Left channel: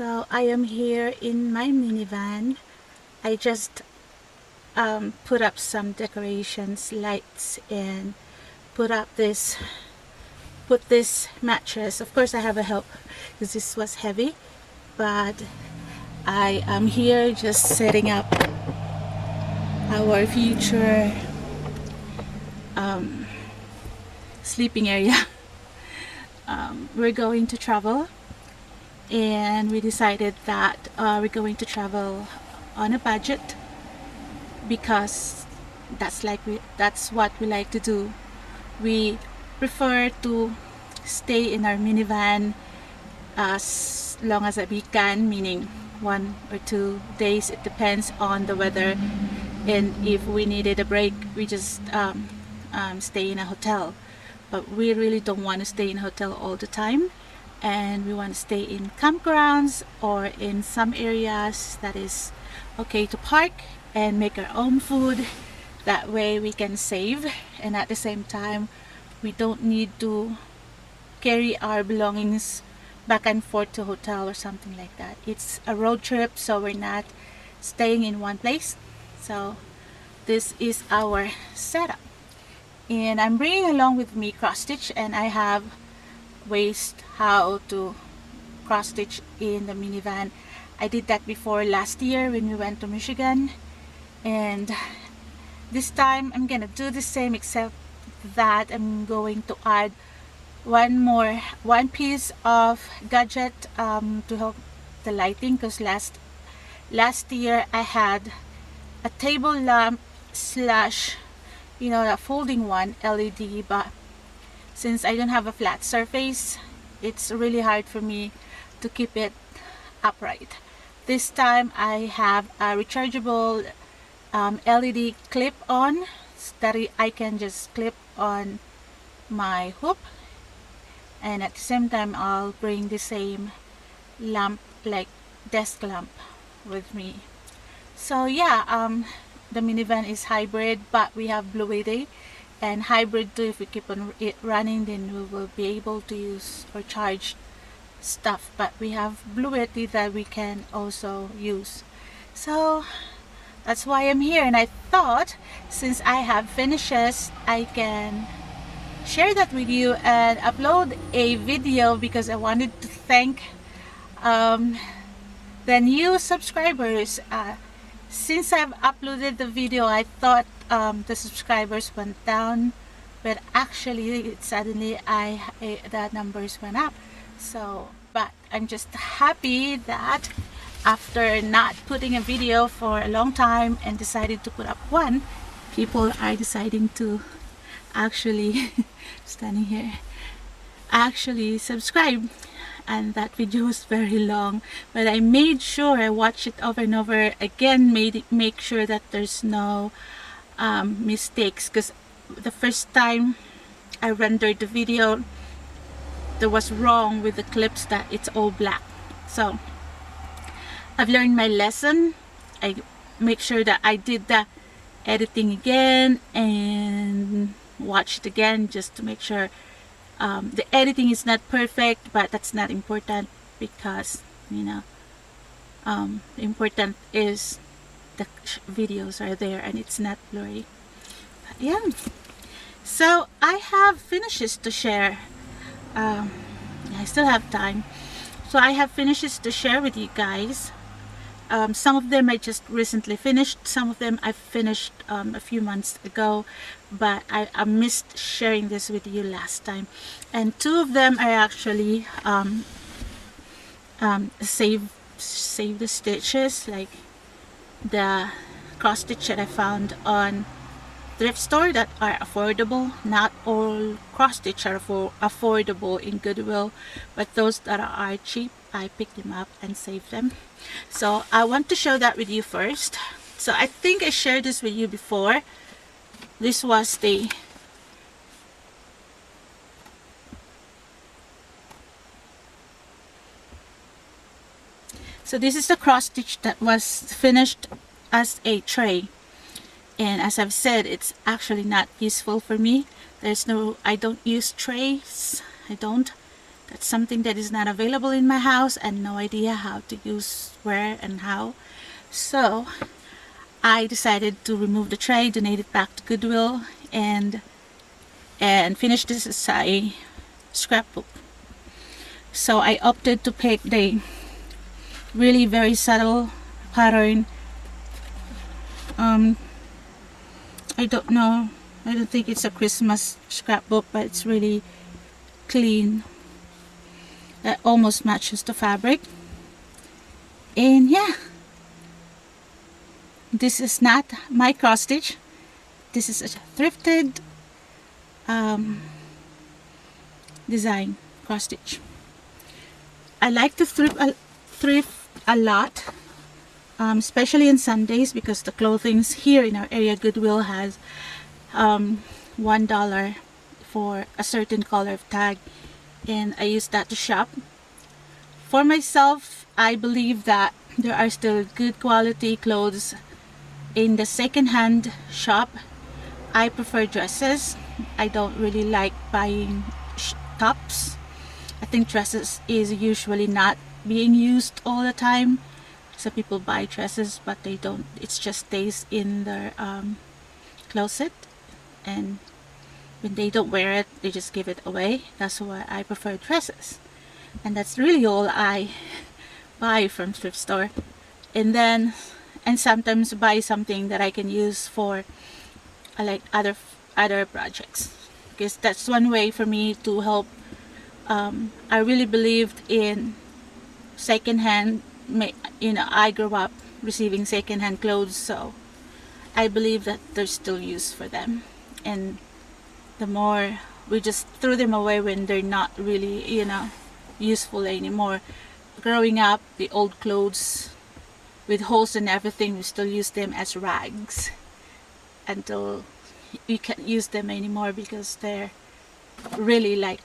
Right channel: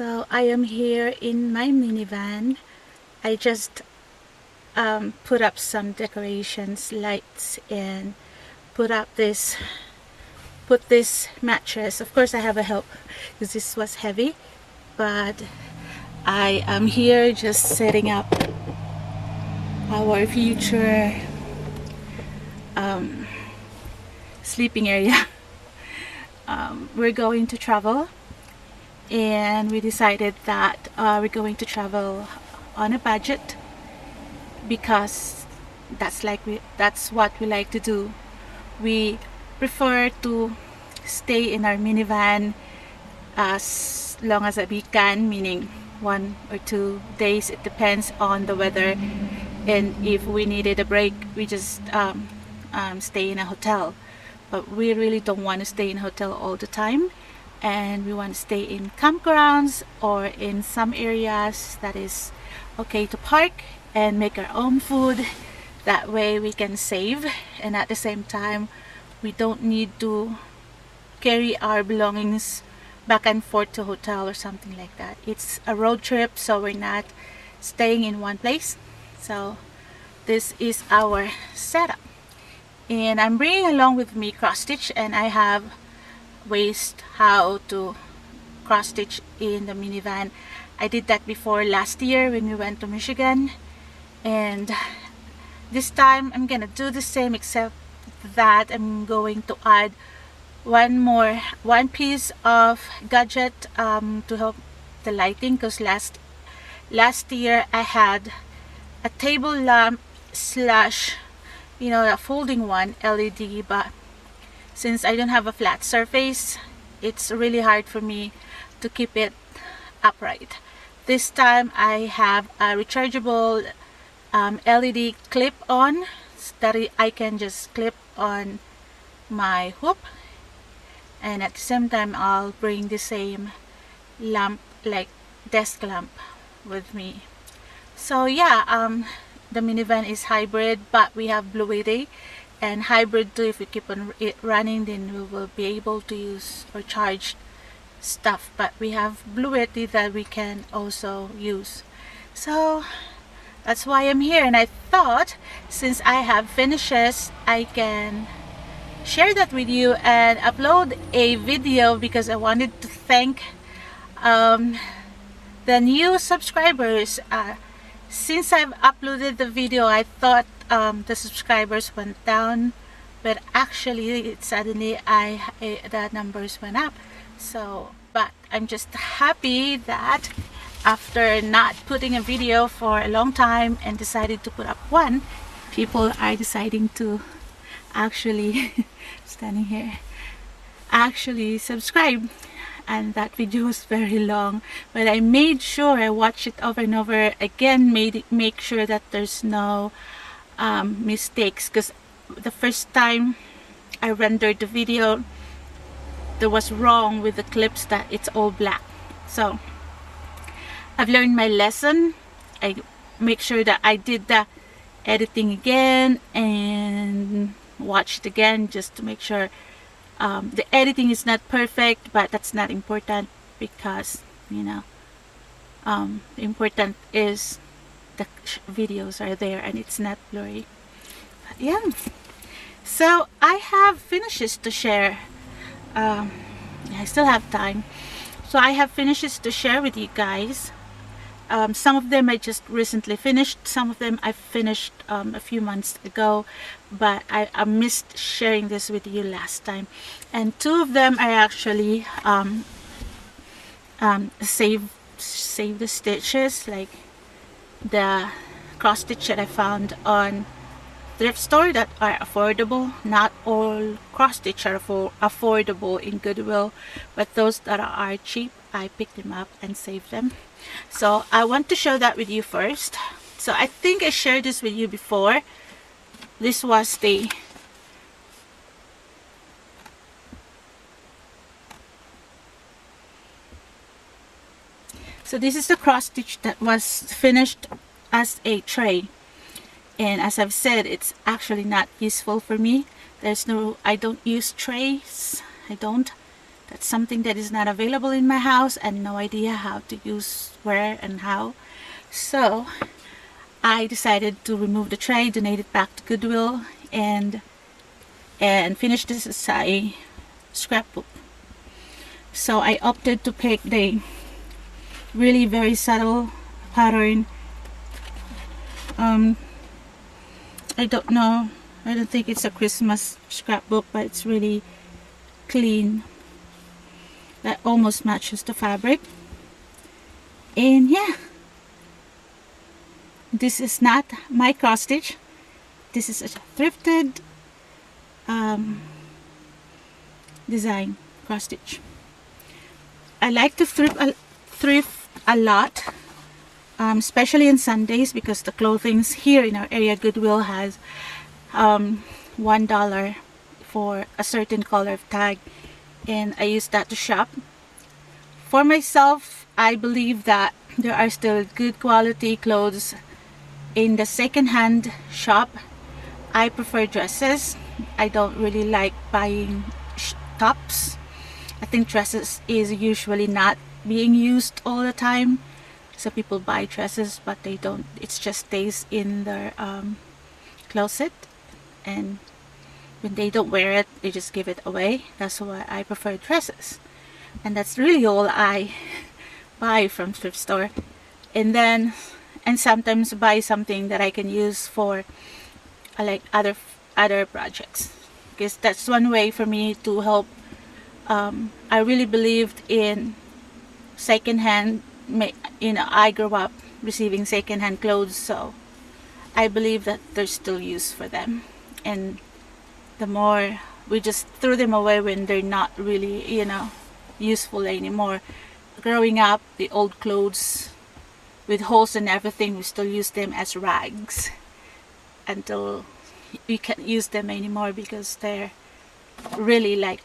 So I am here in my minivan. I just put up some decorations, lights, and put this mattress. Of course I have a help because this was heavy, but I am here just setting up our future sleeping area. We're going to travel, and we decided that we're going to travel on a budget because that's what we like to do. We prefer to stay in our minivan as long as we can, meaning 1 or 2 days. It depends on the weather, and if we needed a break, we just stay in a hotel. But we really don't want to stay in a hotel all the time, and we want to stay in campgrounds or in some areas that is okay to park and make our own food. That way we can save, and at the same time we don't need to carry our belongings back and forth to a hotel or something like that. It's a road trip, so we're not staying in one place. So this is our setup, and I'm bringing along with me cross stitch, and I have ways how to cross stitch in the minivan. I did that before last year when we went to Michigan, and this time I'm gonna do the same, except that I'm going to add one piece of gadget to help the lighting, because last year I had a table lamp slash, a folding one, LED, but since I don't have a flat surface, it's really hard for me to keep it upright. This time I have a rechargeable LED clip on that I can just clip on my hoop, and at the same time I'll bring the same lamp, like desk lamp, with me. So yeah, the minivan is hybrid, but we have fluidity and hybrid too. If we keep on it running, then we will be able to use or charge stuff, but we have fluidity that we can also use. So that's why I'm here, and I thought since I have finishes, I can share that with you and upload a video, because I wanted to thank the new subscribers. Since I've uploaded the video, I thought the subscribers went down, but actually suddenly the numbers went up. So, but I'm just happy that after not putting a video for a long time and decided to put up one, people are deciding to actually standing here actually subscribe. And that video was very long, but I made sure I watched it over and over again, make sure that there's no mistakes, because the first time I rendered the video, there was wrong with the clips, that it's all black. So I've learned my lesson. I make sure that I did the editing again and watched it again, just to make sure the editing is not perfect, but that's not important, because important is the videos are there and it's not blurry. But yeah, so I have finishes to share. I still have time, so I have finishes to share with you guys. Some of them I just recently finished, some of them I finished a few months ago, but I missed sharing this with you last time. And 2 of them I actually save the stitches, like the cross stitch that I found on thrift store that are affordable. Not all cross stitch are affordable in Goodwill, but those that are cheap, I picked them up and saved them. So I want to show that with you first. So I think I shared this with you before. This was the this is the cross stitch that was finished as a tray, and as I've said, it's actually not useful for me. I don't use trays. I don't. That's something that is not available in my house and no idea how to use where and how. So I decided to remove the tray, donate it back to Goodwill, and finish this as a scrapbook. So I opted to pick the really very subtle pattern. I don't know, I don't think it's a Christmas scrapbook, but it's really clean, that almost matches the fabric. And yeah, this is not my cross stitch, this is a thrifted design cross stitch. I like to thrift a lot, especially on Sundays, because the clothing here in our area Goodwill has $1 for a certain color of tag, and I use that to shop. For myself, I believe that there are still good quality clothes in the second-hand shop. I prefer dresses. I don't really like buying tops. I think dresses is usually not being used all the time. So people buy dresses but they don't, it just stays in their closet, and when they don't wear it they just give it away. That's why I prefer dresses, and that's really all I buy from thrift store. And sometimes buy something that I can use for like other projects, because that's one way for me to help. I really believed in secondhand. I grew up receiving secondhand clothes, so I believe that there's still use for them, and the more we just threw them away when they're not really, useful anymore. Growing up, the old clothes with holes and everything, we still use them as rags until we can't use them anymore because they're really like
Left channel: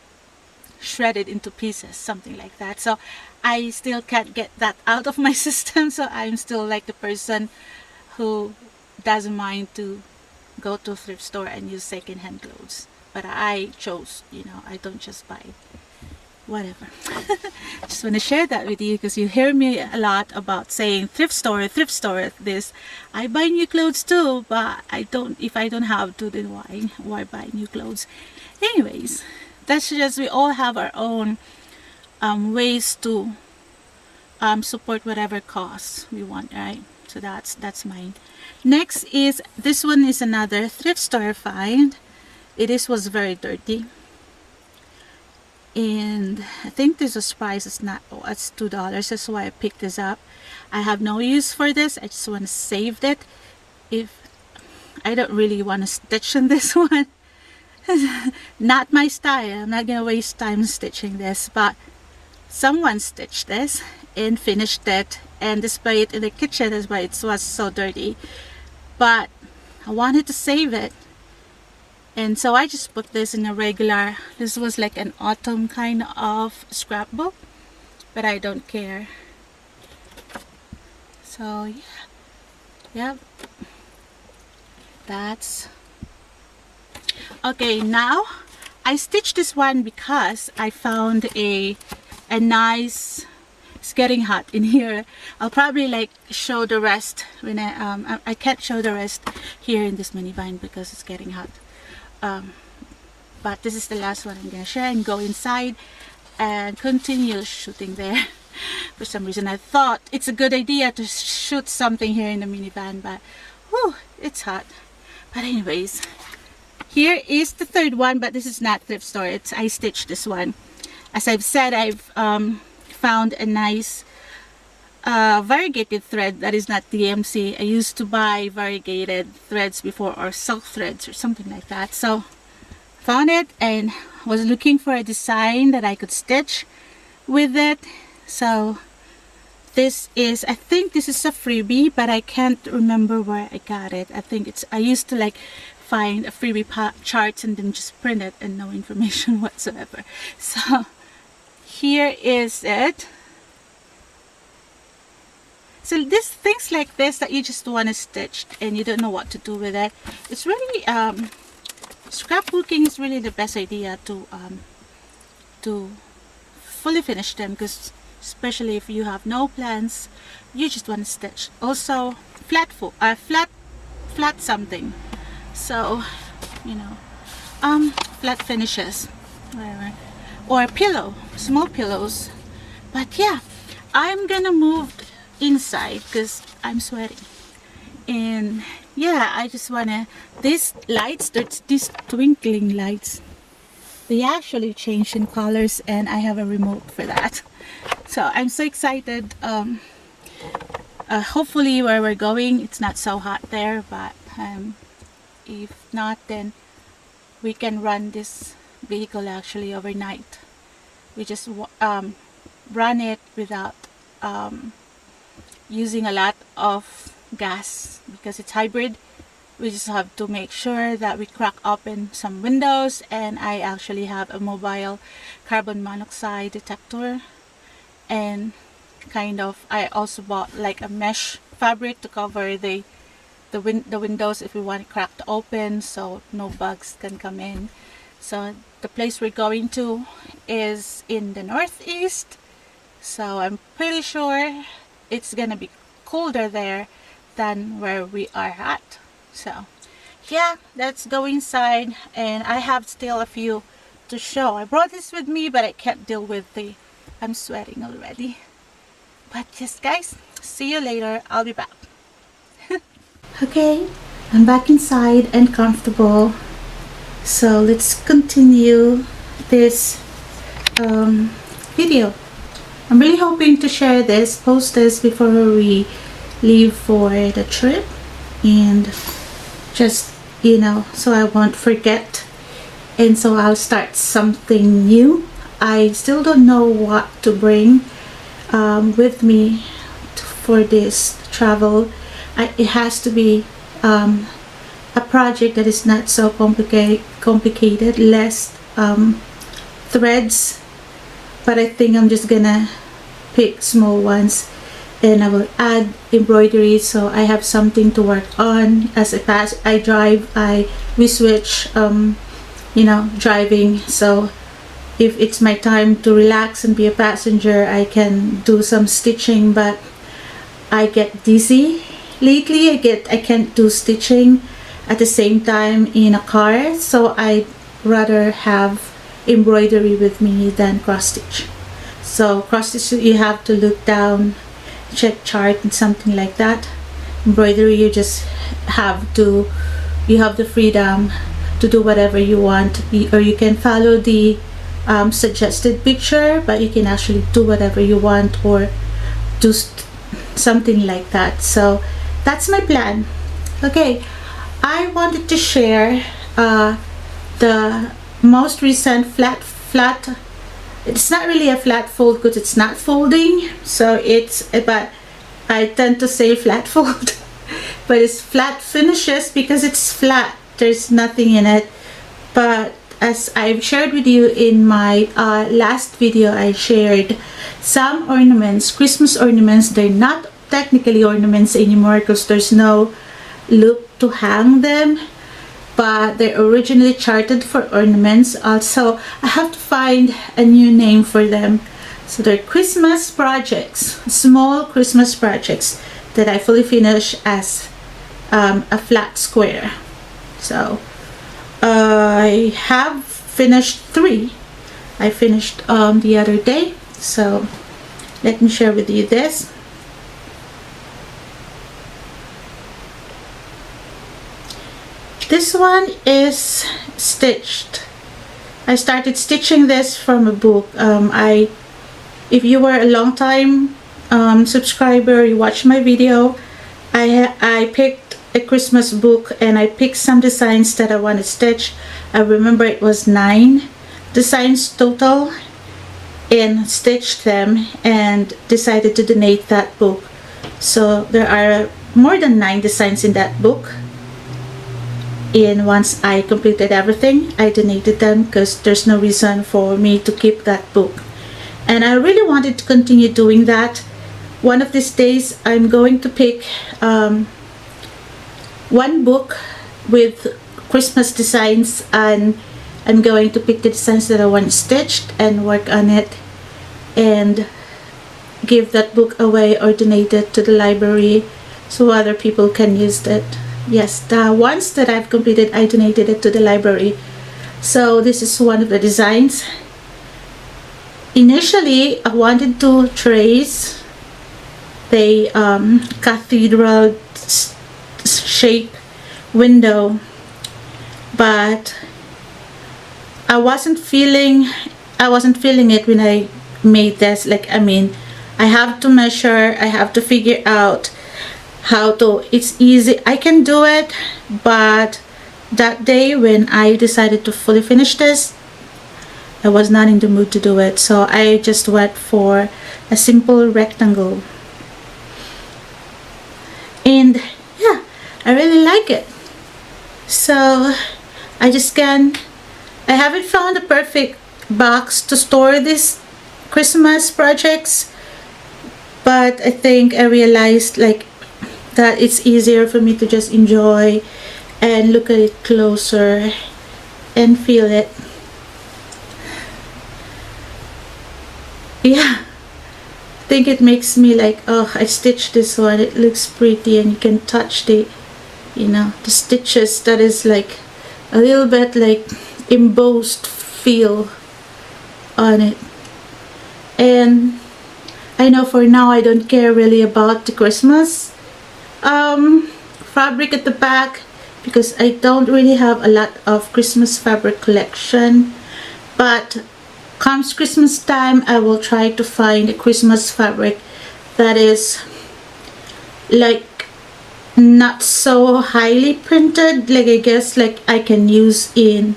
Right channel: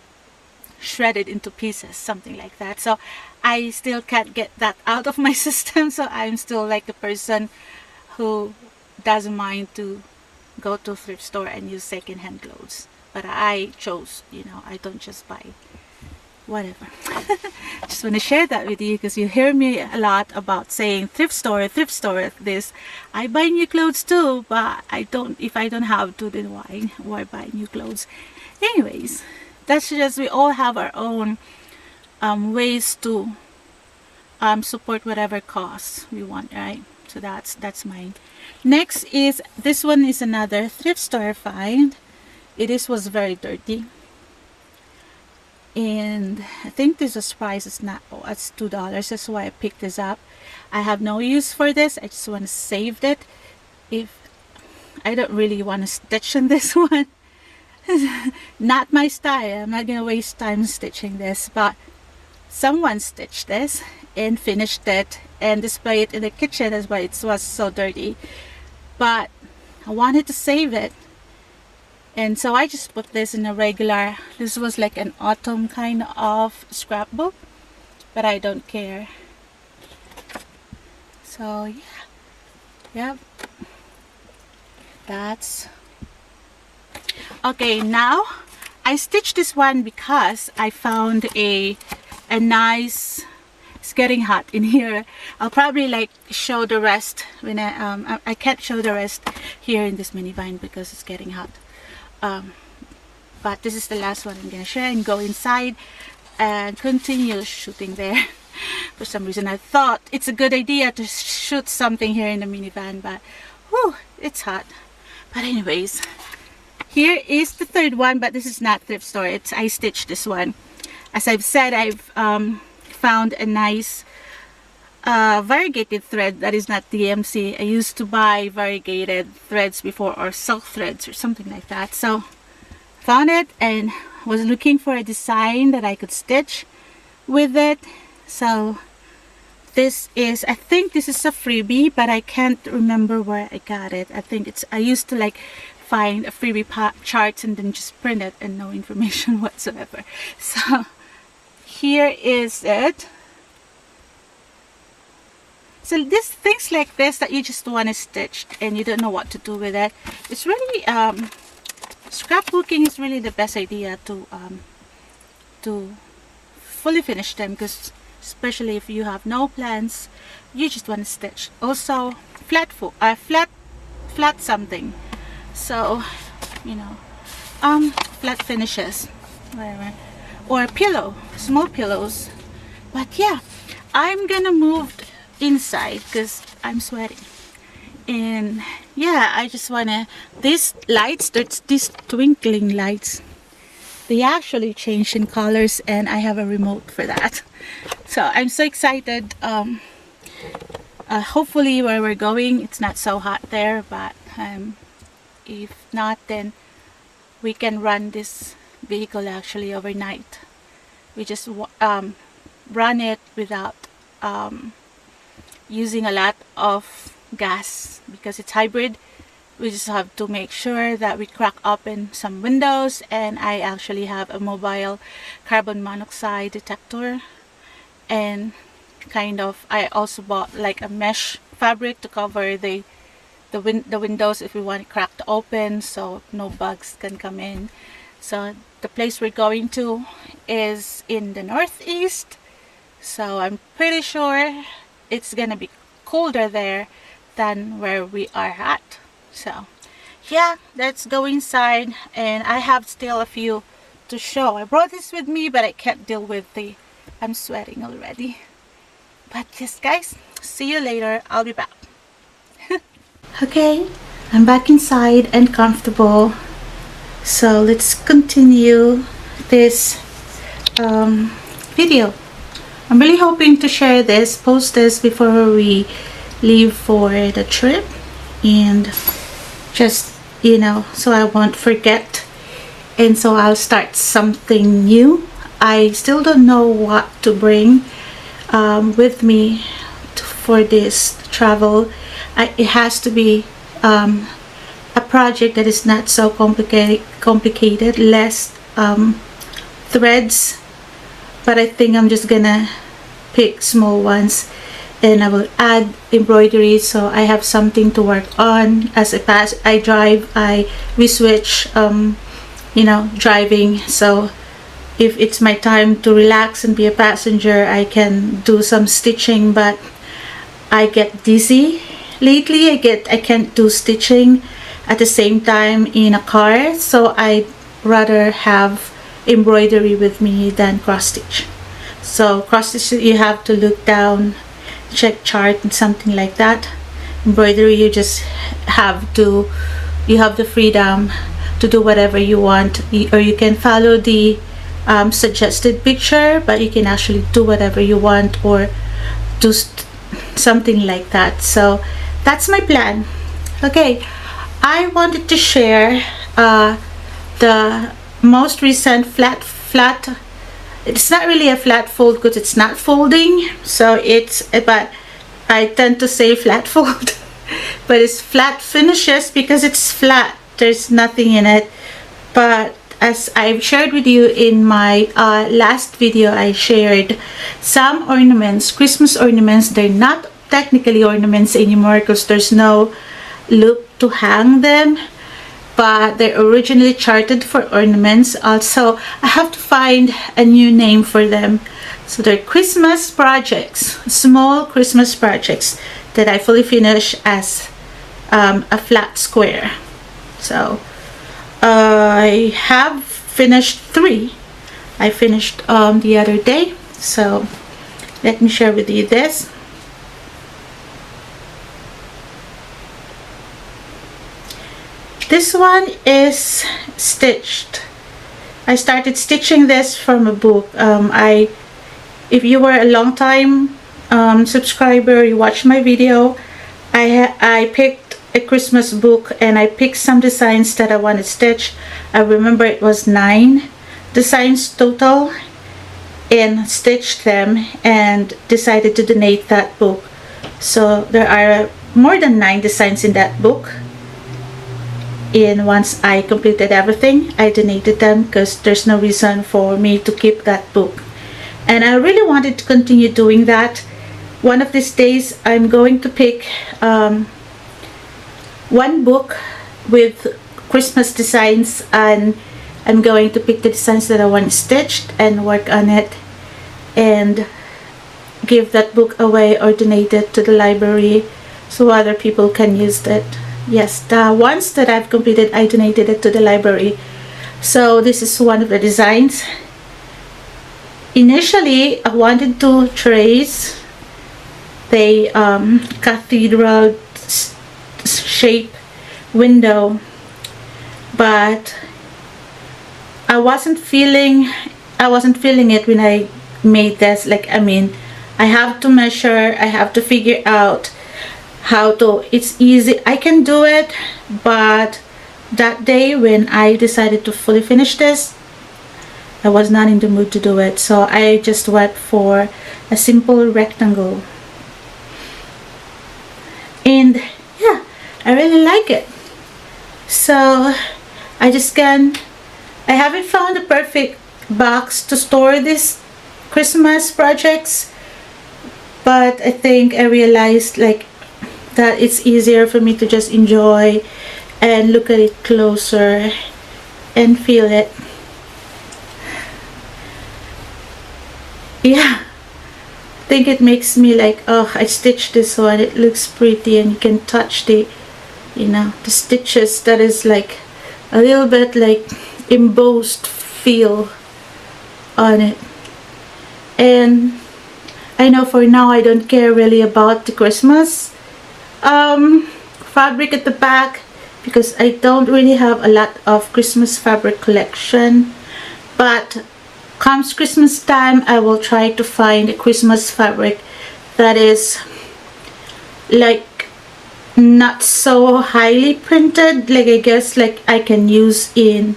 shredded into pieces, something like that. So I still can't get that out of my system, so I'm still like the person who doesn't mind to go to a thrift store and use second-hand clothes. But I chose, I don't just buy whatever. Just want to share that with you because you hear me a lot about saying thrift store this. I buy new clothes too, but if I don't have to, then why buy new clothes? Anyways, that's just, we all have our own ways to support whatever cause we want, right? So that's mine. Next is, this one is another thrift store find. Was very dirty, and I think this price is not, it's $2. That's why I picked this up. I have no use for this. I just want to save it. If I don't really want to stitch in this one, not my style. I'm not gonna waste time stitching this, but someone stitched this and finished it and display it in the kitchen. That's why it was so dirty, but I wanted to save it, and so I just put this in a regular, this was like an autumn kind of scrapbook, but I don't care. So yeah, that's okay. Now I stitched this one because I found a nice, it's getting hot in here. I'll probably like show the rest when I can't show the rest here in this minivan because it's getting hot. But this is the last one I'm gonna share and go inside and continue shooting there. For some reason I thought it's a good idea to shoot something here in the minivan, but whew, it's hot. But anyways, here is the third one, but this is not thrift store. I stitched this one. As I've said, I've found a nice variegated thread that is not DMC. I used to buy variegated threads before, or silk threads or something like that. So found it and was looking for a design that I could stitch with it. So this is, I think this is a freebie, but I can't remember where I got it. I used to like find a freebie charts and then just print it and no information whatsoever. So here is it. So this, things like this that you just want to stitch and you don't know what to do with it, it's really scrapbooking is really the best idea to fully finish them, because especially if you have no plans, you just want to stitch. Also, flat something. So, you know, flat finishes, whatever, or pillow, small pillows. But yeah, I'm gonna move inside because I'm sweating. And yeah, I just wanna, these lights, these twinkling lights, they actually change in colors, and I have a remote for that. So I'm so excited. Hopefully where we're going, it's not so hot there, but if not, then we can run this vehicle actually overnight. We just run it without using a lot of gas, because it's hybrid. We just have to make sure that we crack open some windows, and I actually have a mobile carbon monoxide detector, and kind of I also bought like a mesh fabric to cover the windows if we want it cracked open, so no bugs can come in. So the place we're going to is in the northeast, so I'm pretty sure it's gonna be colder there than where we are at. So yeah, let's go inside, and I have still a few to show. I brought this with me, but I can't deal with I'm sweating already. But yes guys, see you later. I'll be back. Okay, I'm back inside and comfortable, so let's continue this video. I'm really hoping to share this, post this before we leave for the trip, and just, you know, so I won't forget, and so I'll start something new. I still don't know what to bring with me for this travel. It has to be a project that is not so complicated, less threads, but I think I'm just gonna pick small ones, and I will add embroidery, so I have something to work on as I drive. We switch you know, driving, so if it's my time to relax and be a passenger, I can do some stitching, but I get dizzy lately. I can't do stitching at the same time in a car, so I'd rather have embroidery with me than cross stitch. So cross stitch, you have to look down, check chart and something like that. Embroidery, you just have to, you have the freedom to do whatever you want, or you can follow the suggested picture, but you can actually do whatever you want, or do something like that. So that's my plan. Okay, I wanted to share the most recent flat, it's not really a flat fold because it's not folding, so it's, but I tend to say flat fold but it's flat finishes because it's flat, there's nothing in it. But as I've shared with you in my last video, I shared some ornaments, Christmas ornaments. They're not technically ornaments anymore because there's no loop to hang them, but they're originally charted for ornaments. Also, I have to find a new name for them. So they're Christmas projects, small Christmas projects that I fully finish as a flat square. So I have finished 3. I finished the other day. So let me share with you this. This one is stitched. I started stitching this from a book. If you were a long time subscriber, you watched my video, I picked a Christmas book and I picked some designs that I want to stitch. I remember it was 9 designs total, and stitched them and decided to donate that book. So there are more than 9 designs in that book. And once I completed everything, I donated them because there's no reason for me to keep that book. And I really wanted to continue doing that. One of these days, I'm going to pick one book with Christmas designs, and I'm going to pick the designs that I want stitched and work on it. and give that book away or donate it to the library so other people can use it. Yes, the ones that I've completed, I donated it to the library. So this is one of the designs. Initially, I wanted to trace the cathedral shape window, but I wasn't feeling it when I made this. Like, I mean, I have to measure, I have to figure out how to, it's easy, I can do it, but that day when I decided to fully finish this, I was not in the mood to do it, so I just went for a simple rectangle. And yeah, I really like it. So I haven't found the perfect box to store these Christmas projects, but I think I realized like that it's easier for me to just enjoy and look at it closer and feel it. Yeah, I think it makes me like, oh, I stitched this one, it looks pretty, and you can touch the, you know, the stitches. That is like a little bit like embossed feel on it. And I know for now I don't care really about the Christmas fabric at the back, because I don't really have a lot of Christmas fabric collection, but comes Christmas time, I will try to find a Christmas fabric that is like not so highly printed, like I guess like I can use in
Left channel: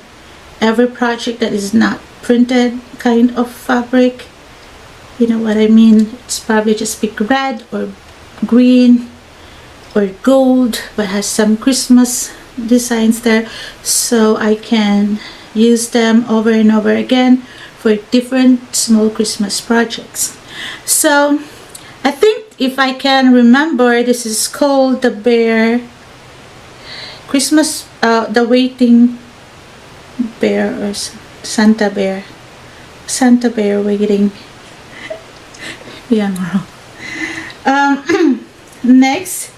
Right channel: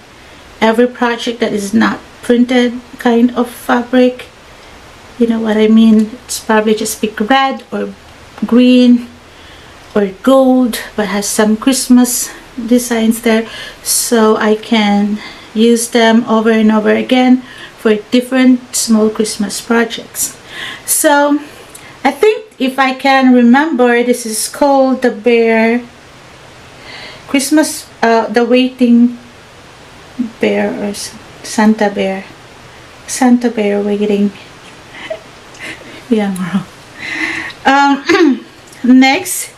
every project that is not printed kind of fabric. You know what I mean? It's probably just big red or green or gold, but has some Christmas designs there, so I can use them over and over again for different small Christmas projects. So I think, if I can remember, this is called the bear Christmas, the waiting bear, or Santa bear waiting. Yeah, next,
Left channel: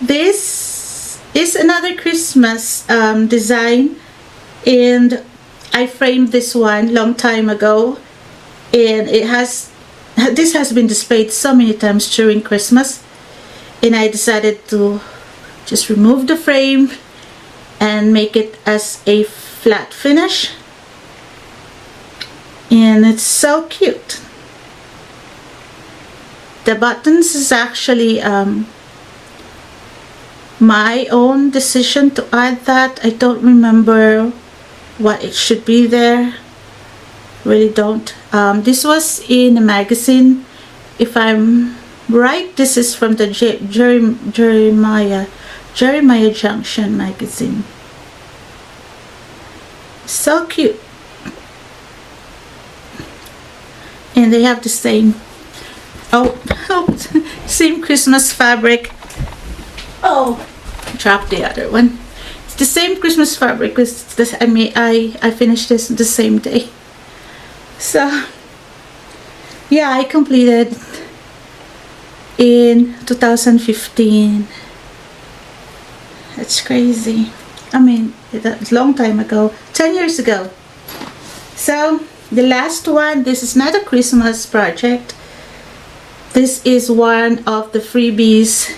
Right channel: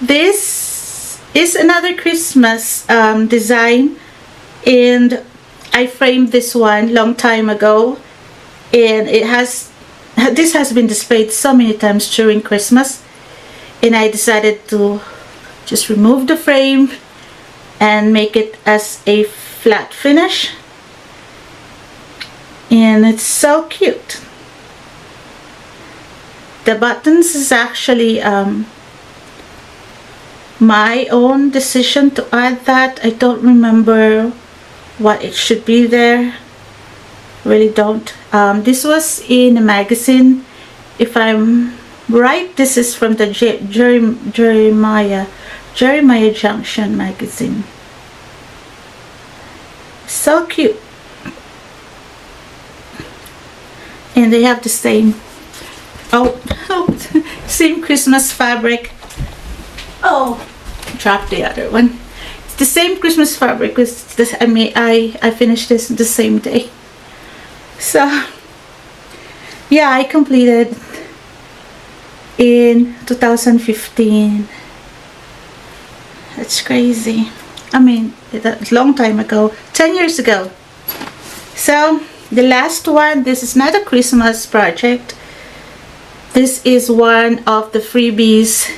this is another Christmas design, and I framed this one long time ago, and this has been displayed so many times during Christmas, and I decided to just remove the frame and make it as a flat finish, and it's so cute. The buttons is actually my own decision to add that. I don't remember what it should be there, really don't. This was in a magazine, if I'm right. This is from the Jeremiah Junction magazine. So cute, and they have the same same Christmas fabric. Oh, dropped the other one. It's the same Christmas fabric. It's this, I finished this the same day. So yeah, I completed in 2015. That's crazy. I mean, that's a long time ago, 10 years ago. So the last one, this is not a Christmas project. This is one of the freebies,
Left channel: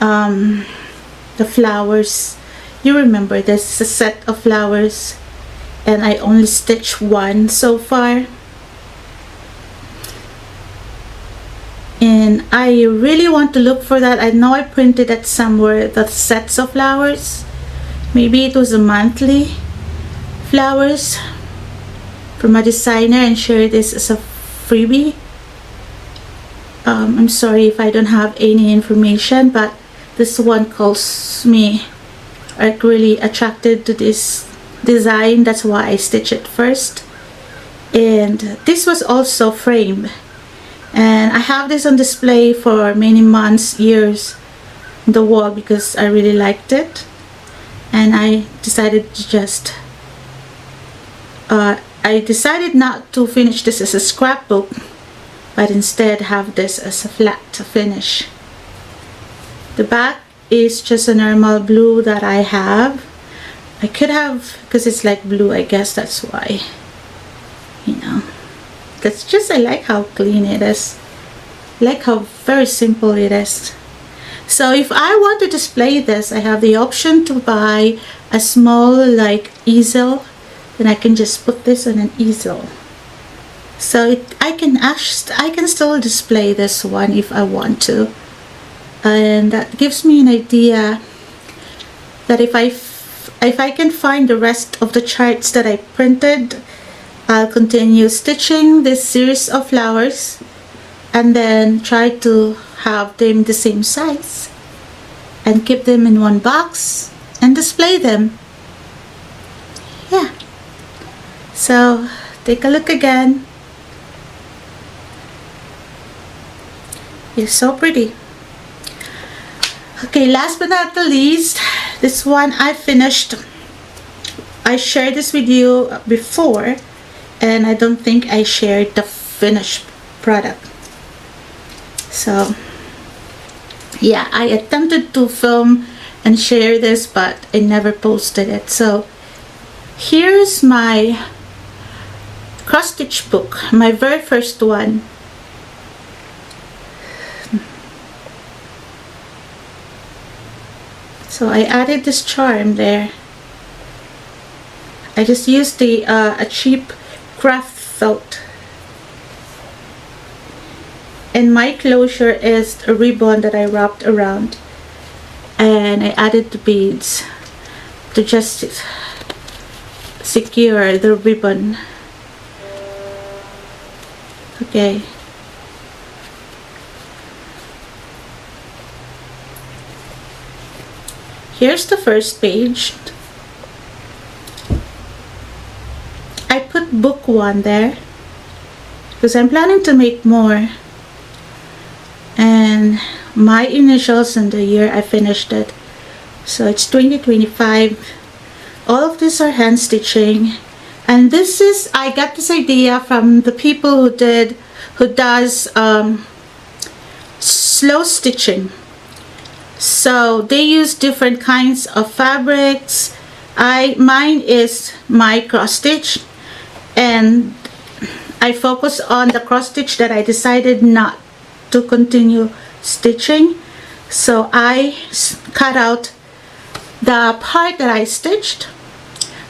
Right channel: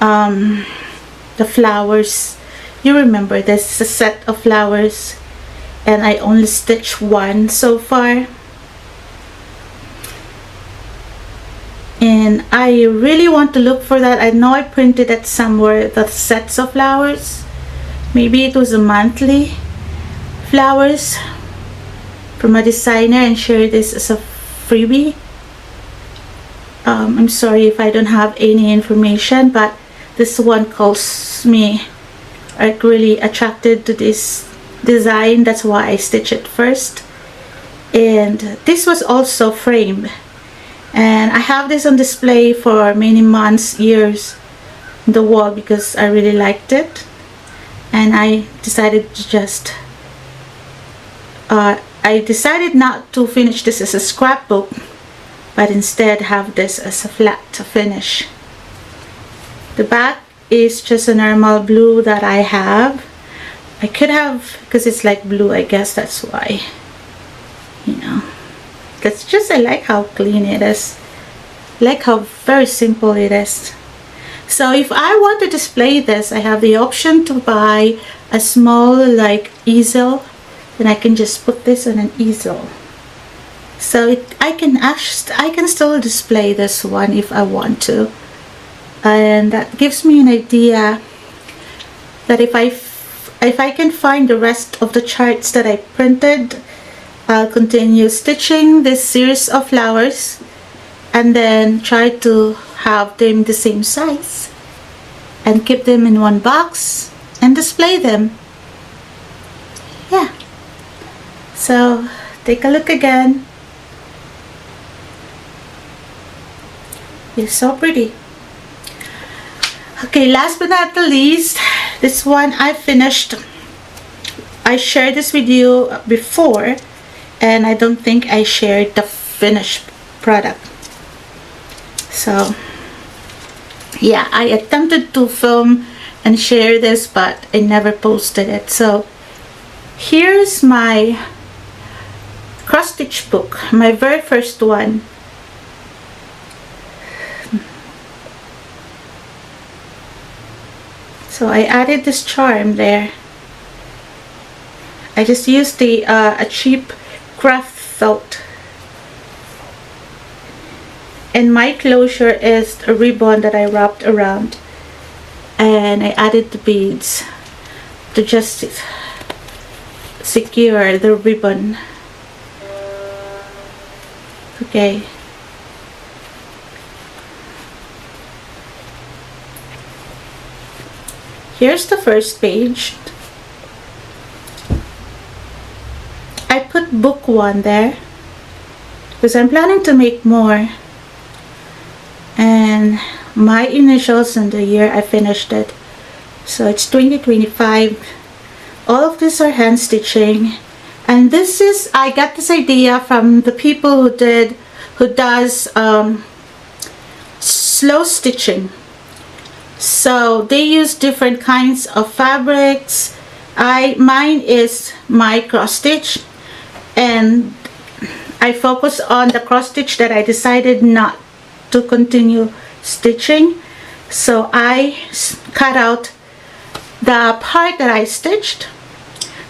the flowers. You remember, this is a set of flowers, and I only stitched one so far. And I really want to look for that. I know I printed that somewhere, the sets of flowers. Maybe it was a monthly flowers from a designer, and share this as a freebie. I'm sorry if I don't have any information, but this one calls me like really attracted to this design. That's why I stitched it first. And this was also framed, and I have this on display for many months, years on the wall, because I really liked it. And I decided to just I decided not to finish this as a scrapbook, but instead have this as a flat finish. The back is just a normal blue that I have. I could have, because it's like blue, I guess that's why, you know, because just I like how clean it is, like how very simple it is. So if I want to display this, I have the option to buy a small like easel, and I can just put this on an easel. So I can still display this one if I want to, and that gives me an idea that if I can find the rest of the charts that I printed, I'll continue stitching this series of flowers and then try to have them the same size and keep them in one box and display them. Yeah, so take a look again. It's so pretty. Okay, last but not the least, this one I finished. I shared this with you before, and I don't think I shared the finished product. So yeah, I attempted to film and share this, but I never posted it. So here's my cross stitch book, my very first one. So I added this charm there. I just used the a cheap craft felt, and my closure is a ribbon that I wrapped around, and I added the beads to just secure the ribbon. Okay. Here's the first page. I put book 1 there because I'm planning to make more, and my initials and the year I finished it, so it's 2025. All of these are hand stitching, and this is, I got this idea from the people who does slow stitching. So they use different kinds of fabrics. Mine is my cross stitch, and I focus on the cross stitch that I decided not to continue stitching. So I cut out the part that I stitched,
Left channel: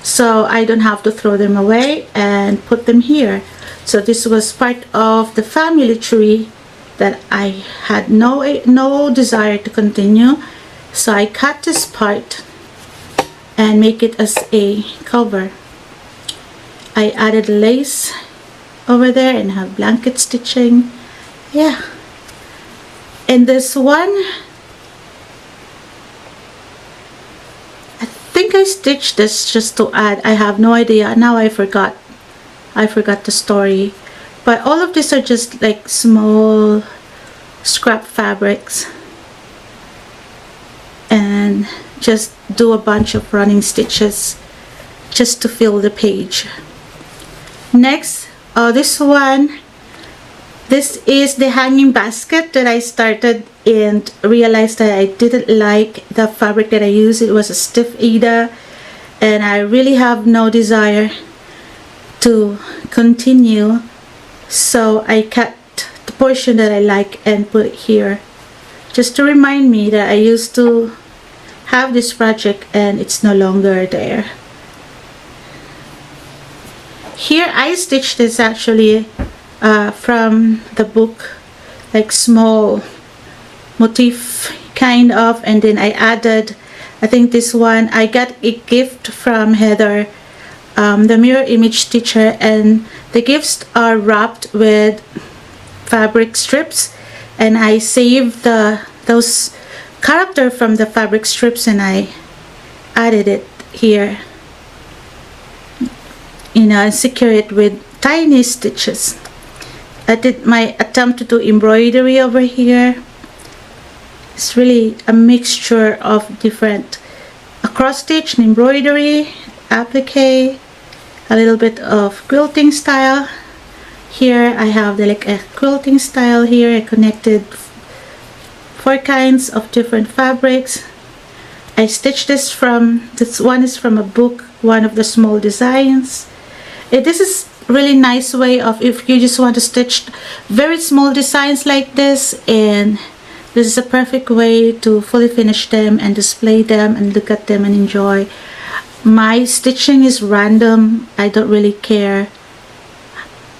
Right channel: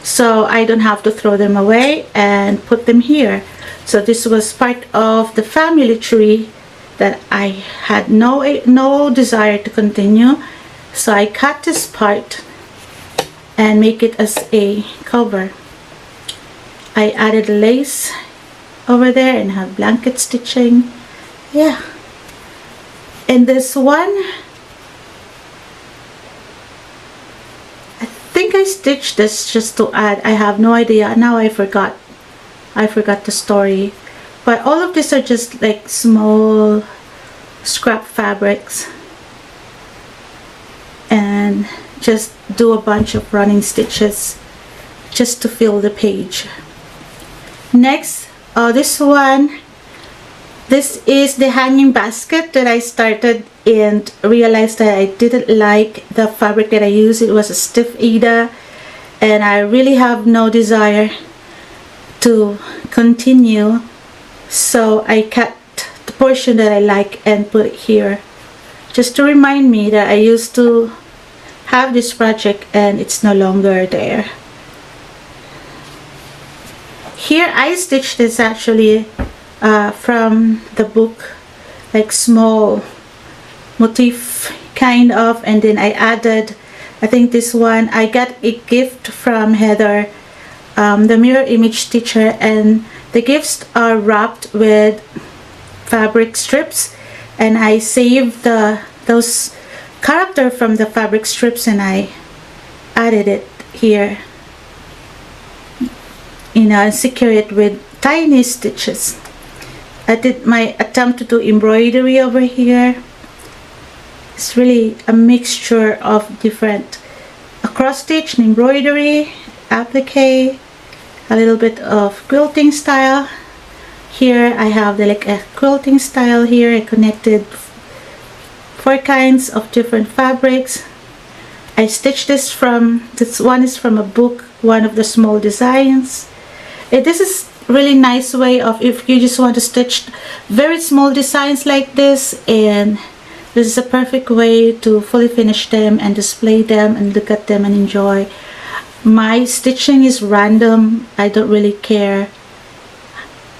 so I don't have to throw them away, and put them here. So this was part of the family tree that I had no desire to continue, so I cut this part and make it as a cover. I added lace over there and have blanket stitching. Yeah, in this one I think I stitched this just to add. I have no idea now. I forgot the story. But all of these are just like small scrap fabrics, and just do a bunch of running stitches just to fill the page. Next, this one, this is the hanging basket that I started and realized that I didn't like the fabric that I used. It was a stiff Ida, and I really have no desire to continue. So I cut the portion that I like and put it here, just to remind me that I used to have this project and it's no longer there. Here I stitched this actually from the book, like small motif kind of, and then I added, I think this one I got a gift from Heather, the mirror image teacher, and the gifts are wrapped with fabric strips, and I saved those character from the fabric strips and I added it here, and I secure it with tiny stitches. I did my attempt to do embroidery over here. It's really a mixture of different, a cross stitch, and embroidery, applique, a little bit of quilting style, Here I have the like a quilting style. Here I connected 4 kinds of different fabrics. I stitched this one is from a book, one of the small designs. And this is really nice way of if you just want to stitch very small designs like this, and this is a perfect way to fully finish them and display them and look at them and enjoy. My stitching is random. I don't really care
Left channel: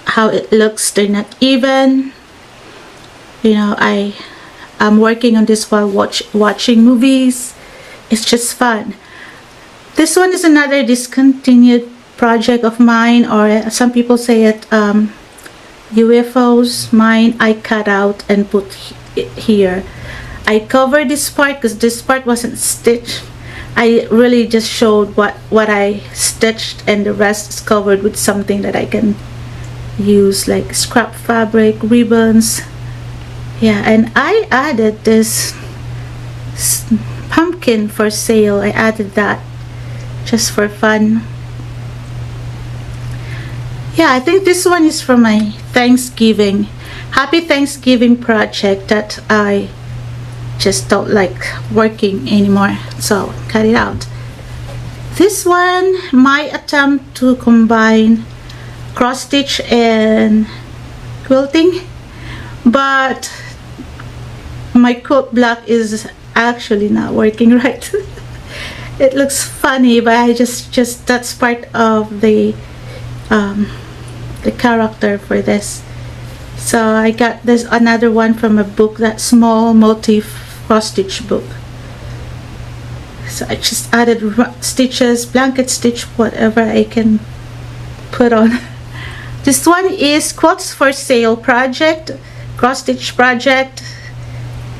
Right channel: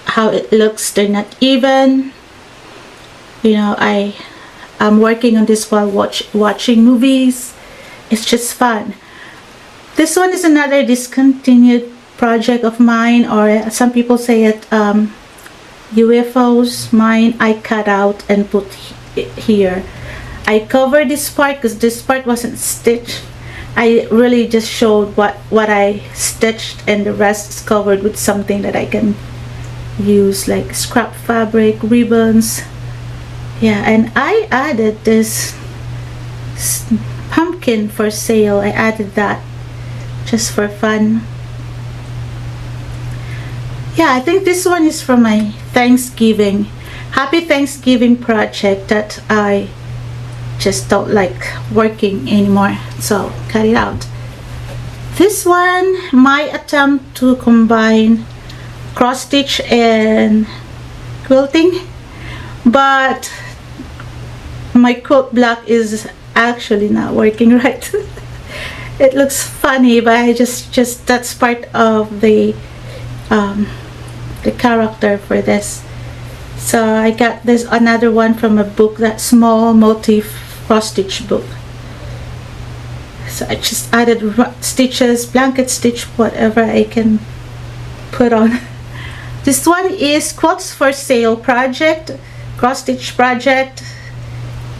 how it looks. They're not even, you know, I'm working on this while watching movies. It's just fun. This one is another discontinued project of mine, or some people say it UFOs. Mine I cut out and put it here. I covered this part because this part wasn't stitched. I really just showed what I stitched, and the rest is covered with something that I can use, like scrap fabric, ribbons. Yeah, and I added this pumpkin for sale. I added that just for fun. Yeah, I think this one is from my Thanksgiving, Happy Thanksgiving project that I just don't like working anymore, so cut it out. This one, my attempt to combine cross stitch and quilting, but my quilt block is actually not working right. It looks funny, but I just that's part of the character for this. So I got this another one from a book, that small multi cross stitch book. So I just added stitches, blanket stitch, whatever I can put on. This one is quilts for sale project, cross stitch project.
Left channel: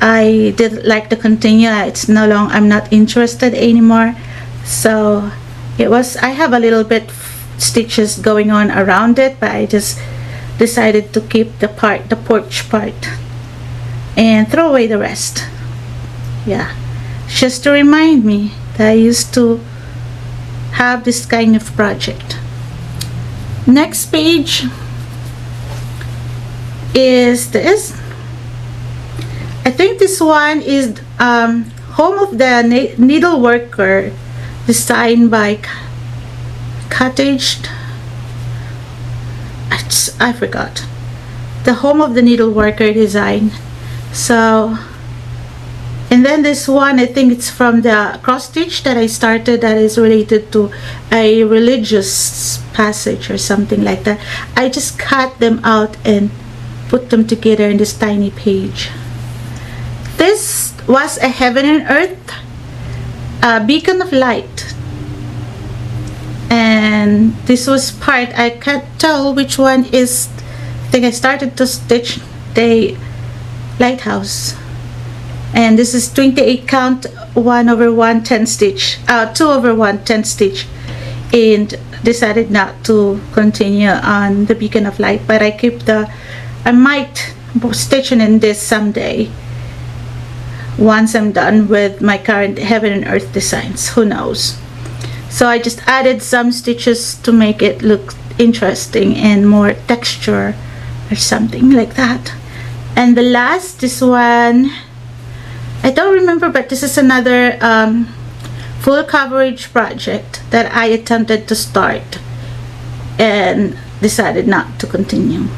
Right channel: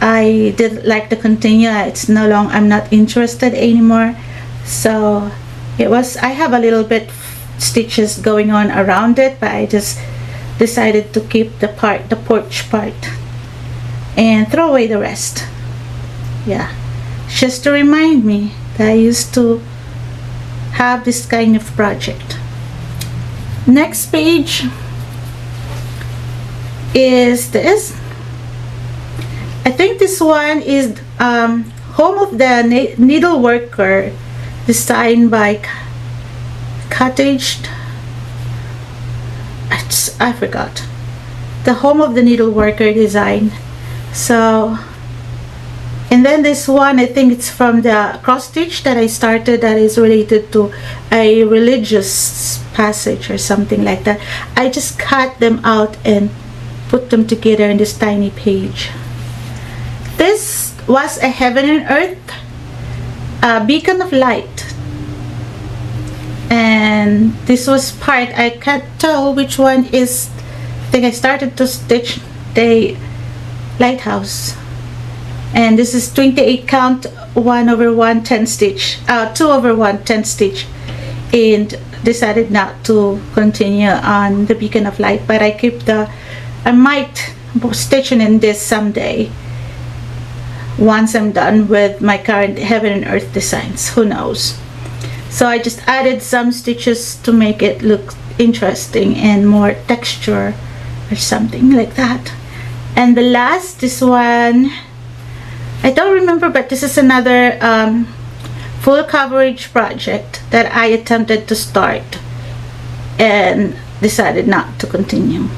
I didn't like to continue. It's no longer, I'm not interested anymore. So it was, I have a little bit stitches going on around it, but I just decided to keep the porch part and throw away the rest. Yeah, just to remind me that I used to have this kind of project. Next page is this. I think this one is Home of the Needle Worker, designed by I forgot. The Home of the Needle Worker design. So, and then this one, I think it's from the cross stitch that I started, that is related to a religious passage or something like that. I just cut them out and put them together in this tiny page. This was a Heaven and Earth, a beacon of light. And this was part, I can't tell which one is, I think I started to stitch the lighthouse. And this is 28 count, 1/1 10 stitch, 2/1 10 stitch, and decided not to continue on the beacon of light, but I might stitching in this someday once I'm done with my current Heaven and Earth designs, who knows. So I just added some stitches to make it look interesting and more texture or something like that. And the last, this one, I don't remember, but this is another full coverage project that I attempted to start and decided not to continue.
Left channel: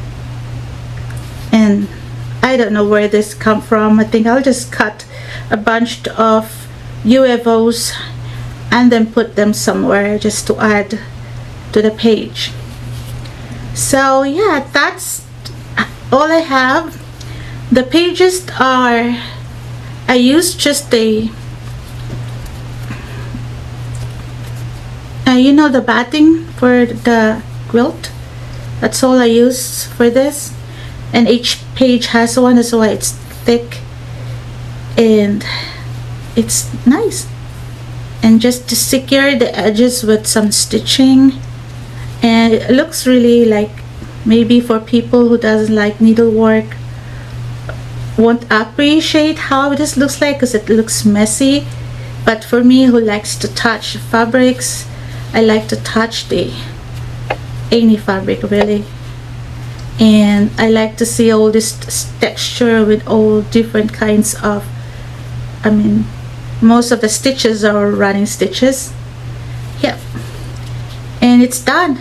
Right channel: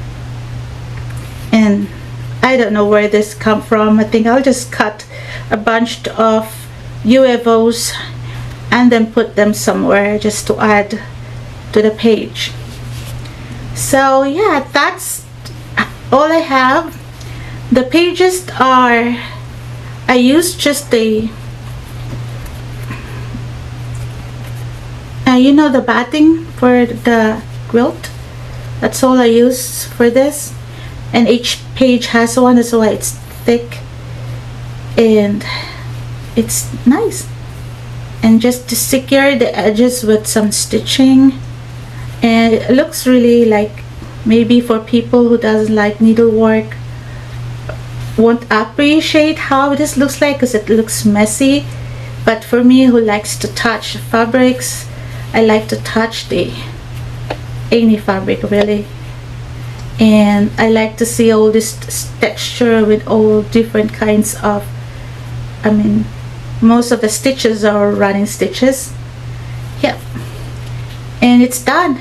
And I don't know where this come from. I think I'll just cut a bunch of UFOs and then put them somewhere just to add to the page. So yeah, that's all I have. The pages are, I used just the you know, the batting for the quilt. That's all I use for this. And each page has one, as well. It's thick and it's nice. And just to secure the edges with some stitching, and it looks really like, maybe for people who doesn't like needlework won't appreciate how this looks like, because it looks messy. But for me, who likes to touch fabrics, I like to touch any fabric really. and I like to see all this texture with all different kinds of, I mean, most of the stitches are running stitches. Yeah, and it's done.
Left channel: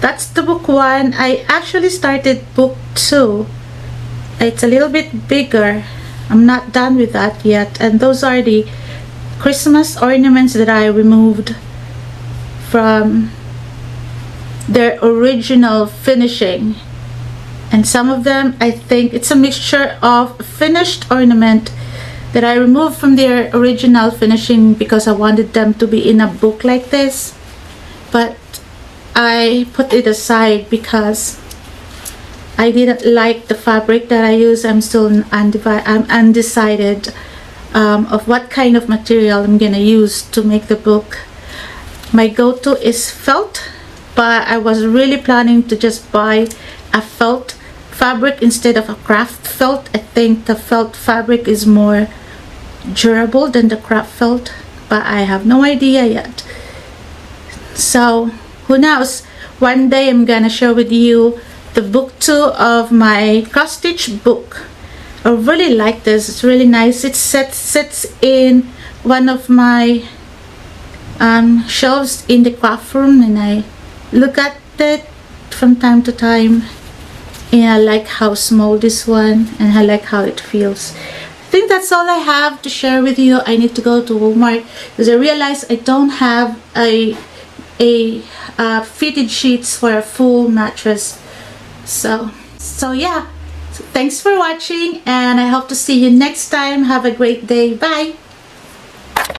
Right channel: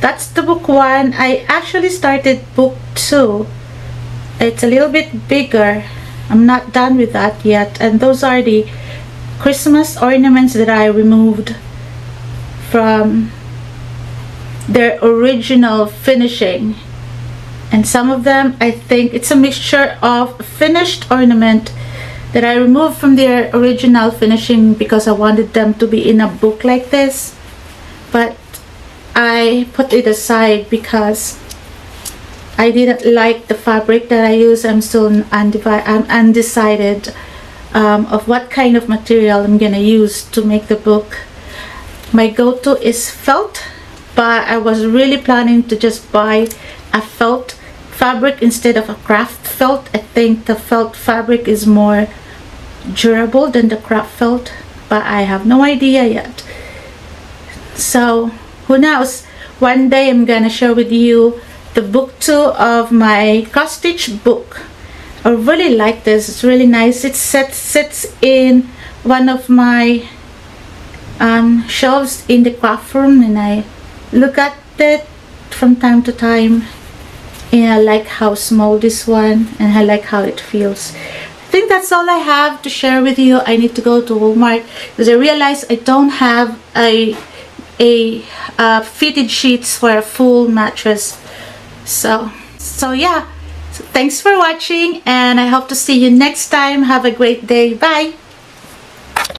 That's the book 1. I actually started book 2. It's a little bit bigger. I'm not done with that yet, and those are the Christmas ornaments that I removed from their original finishing. And some of them, I think it's a mixture of finished ornament that I removed from their original finishing because I wanted them to be in a book like this, but I put it aside because I didn't like the fabric that I use. I'm still undecided of what kind of material I'm gonna use to make the book. My go-to is felt, but I was really planning to just buy a felt fabric instead of a craft felt. I think the felt fabric is more durable than the craft felt, but I have no idea yet. So who knows, one day I'm gonna share with you the book 2 of my cross stitch book. I really like this. It's really nice. It sits in one of my shelves in the craft room, and I look at it from time to time, and I like how small this one, and I like how it feels. I think that's all I have to share with you. I need to go to Walmart because I realized I don't have a fitted sheets for a full mattress. So yeah, so thanks for watching, and I hope to see you next time. Have a great day. Bye.